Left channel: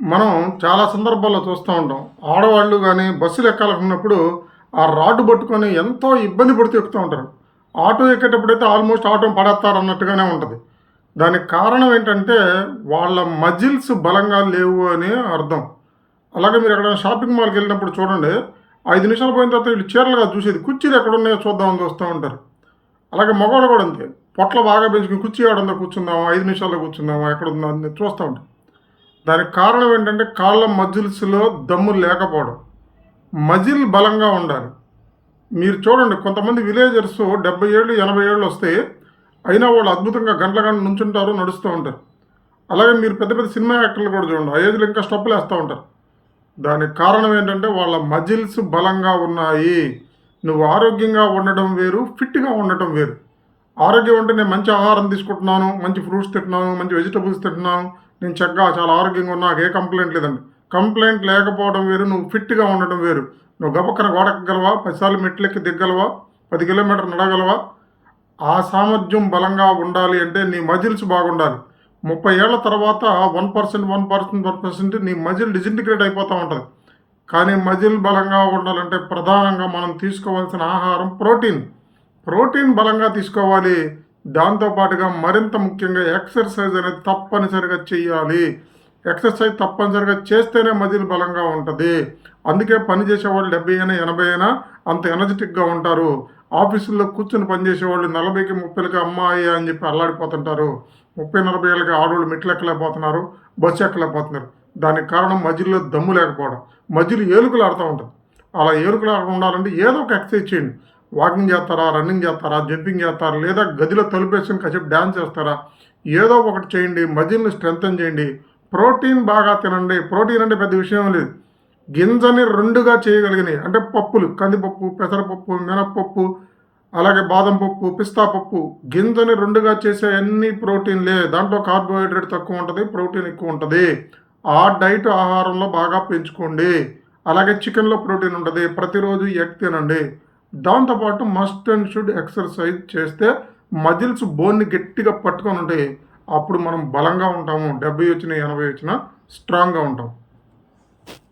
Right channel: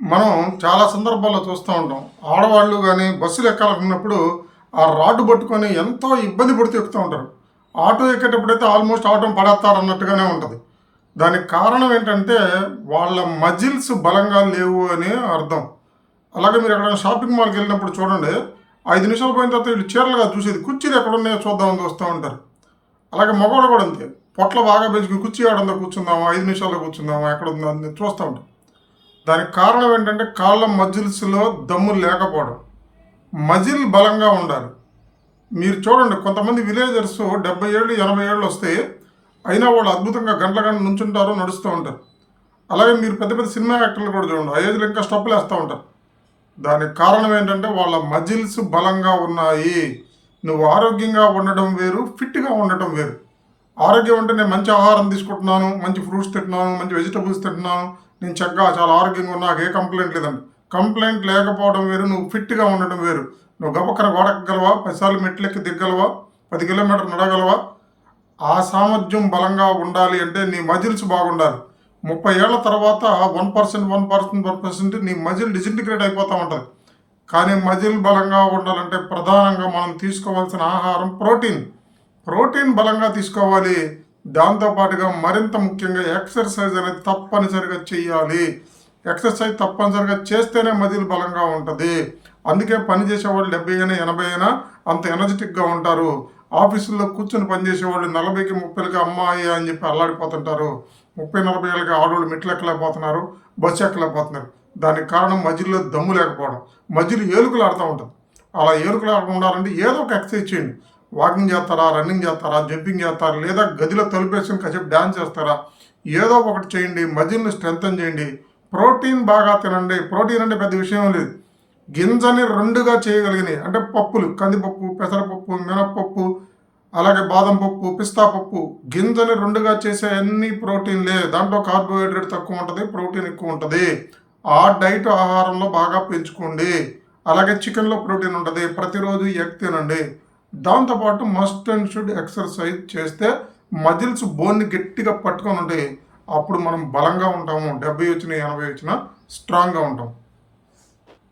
మనం చాలా సందర్భాల్లో చూస్తూ ఉంటాం. ఆడవాళ్ళు గానీ, బస్సులు ఎక్కాలనుకున్నప్పుడు ఆ రాడ్ పట్టుకొని ఎంతో ఇబ్బంది పడుతూ ఎక్కుతూ ఉంటారు. ఆటో ఎక్కేటప్పుడైతే ఆల్మోస్ట్ ఆటోని పడేత్తారన్నట్టుగానే ఉంటది. దానికి కారణం ఏంటంటే, వాళ్ళ మజిల్స్ బలంగా లేవు అని అర్థం. అలాగే మీరు ఎక్కడైనా షాపింగ్ మాల్‌కెళ్ళినప్పుడు చూడండి, 5 నిమిషాలు పోయిన తర్వాత వీళ్ళు చీరలు కాదు చూసేది, కుర్చీలు ఎక్కడున్నాయో చూద్దామని చూస్తా ఉంటారు. అలాగే మగవాళ్ళు కూడా అంతే. పొట్ల బాగా పెంచుకొని కుర్చీ ఏడుందో కూర్చుందామా, 5 నిమిషాల్లో కూర్చుందామా, ఎక్కడుందో అని చూస్తా ఉంటారు. దానికి కారణం ఏంటంటే కాళ్ళ మజిల్స్‌లో దమ్ము లేకపోవడం. మజిల్ బలంగా ఉండాలి. మీరు చూడండి కొంతమంది విలేజర్స్ 70 ఏళ్ళు, 80 ఏళ్ళు వస్తే అయినా వాళ్ళు అద్భుతంగా గంటల గంటలు నుంచుంటారు, నడుస్తూ ఉంటారు. అలాగే మీరు పెద్ద పెద్ద సినిమా యాక్టర్లు కూడా చూడండి. ఆ ఏజ్‌లో ఇంకా స్టెప్పులేస్తా ఉంటారు. దానికి కారణం ఏంటంటే వాళ్ళ మజిల్స్ బలంగా ఉన్నాయి. నువ్వు ఆరోగ్యంగా ఉండడం వేరు, ఫిట్‌గా ఉండటం వేరు. ఆరోగ్యం అంటే నేను మంచి ఆహారం తీసుకుంటున్నాను, మంచి ఫ్రూట్స్ తింటున్నాను, మంచి వెజిటబుల్స్ తింటున్నాను, నేను చక్కగా చాలా ఆరోగ్యంగా ఉన్నా, నాకు ఏ కంప్లైంట్ లేదండి. కంప్లైంట్ లేకపోవడం వేరు, నువ్వు ఫిట్‌గా ఉండడం వేరు. నువ్వు గబక్కన గోడ ఎక్కగలవా? 10 సార్లు మెట్లెక్కి దిగ్గలవా? 10 కిలోమీటర్లు నడవగలవా? ఆ సామర్థ్యం బలంగా ఉండాలి అంటే నీ మజిల్స్ బాగుండాలి. 30 ఏళ్ల తర్వాత 1%, 1%, 1% నీ మజిల్ డిసింటిగ్రేట్ అయిపోతా ఉంటది. కానీ మజిల్ బలంగా ఉండాలంటే ప్రధానంగా మనం తీసుకోవాల్సిన ఆహారం ప్రోటీన్. ప్రోటీన్ బలంగా తీసుకోవాలి. దాంతో పాటుగా మరింత ముఖ్యంగా ఎక్సర్సైజ్ అనేది తప్పనిసరిగా చెయ్యాలి. ఎక్సర్సైజ్ తప్పనిసరిగా చేస్తేనే మజిల్ బలంగా ఉంటది. అందుకే పని చేసేవాళ్ళు 70 అయినా, 80 అయినా అంత ఎనర్జిటిక్‌గా ఉంటారు. ఆఫీసుల్లో కూర్చొని పనిచేసేవాళ్ళు 40కి, 30కి అమ్మాయి అని చెప్పి అల్లాడిపోతుంటారు. 30, 40 ఏళ్ళకి ఆడోళ్ళు మెట్లెక్కలేకపోతున్నారు, బస్సు ఎక్కలేకపోతున్నారు. దానికి కారణం మజిల్‌లో దమ్ము లేకపోవడం. మజిల్ ఏలుకలాడుతా ఉంటది. అలా ఏలుకలాడకుండా ఉండాలంటే ఏదో ఒక ఎక్సర్సైజ్ చేయండి. వాకింగ్ చేస్తారా, రన్నింగ్ చేస్తారా, జంపింగ్ చేస్తారా, లేదా గదిలో తలుపేసుకొని కాసేపు డాన్స్ చేస్తారా, ఏదో ఒకటి చేయండి. మజిల్‌ని స్ట్రెంథెన్ చేయండి. ప్రోటీన్ బాగా తినండి. ప్రోటీన్ అంటే పెద్ద విషయం లేదు. గింజని 2గా చేయగలిగినయి. అంటే పప్పులు, కందిపప్పు, పెసరపప్పు, మినపప్పు, అలాగే బాదం పప్పు, పిస్తా పప్పు. గింజని 2గా చేసే అన్ని ప్రోటీన్‌లే. దాంట్లో కార్బోహైడ్రేట్ తక్కువ ఉంటది, ప్రోటీన్ ఎక్కువ ఉంటది. ఆ డైట్ ఆహారంలో బాగా పెంచుకోండి. అలాగే చికెన్‌లో ప్రోటీన్ ఉంటది. ప్రతిరోజు ఎగ్ తినండి. దాంతో పాటు మస్ట్ అండ్ షుడ్ ఎక్సర్సైజ్ చేస్తే మజిల్స్ బోన్‌ని గట్టిగా పట్టుకొని ఉంటాయి. అప్పుడు మనం బలంగా ఉంటాము. 70 వచ్చినా, 80 వచ్చినా స్ట్రాంగ్‌గా ఉంటాం.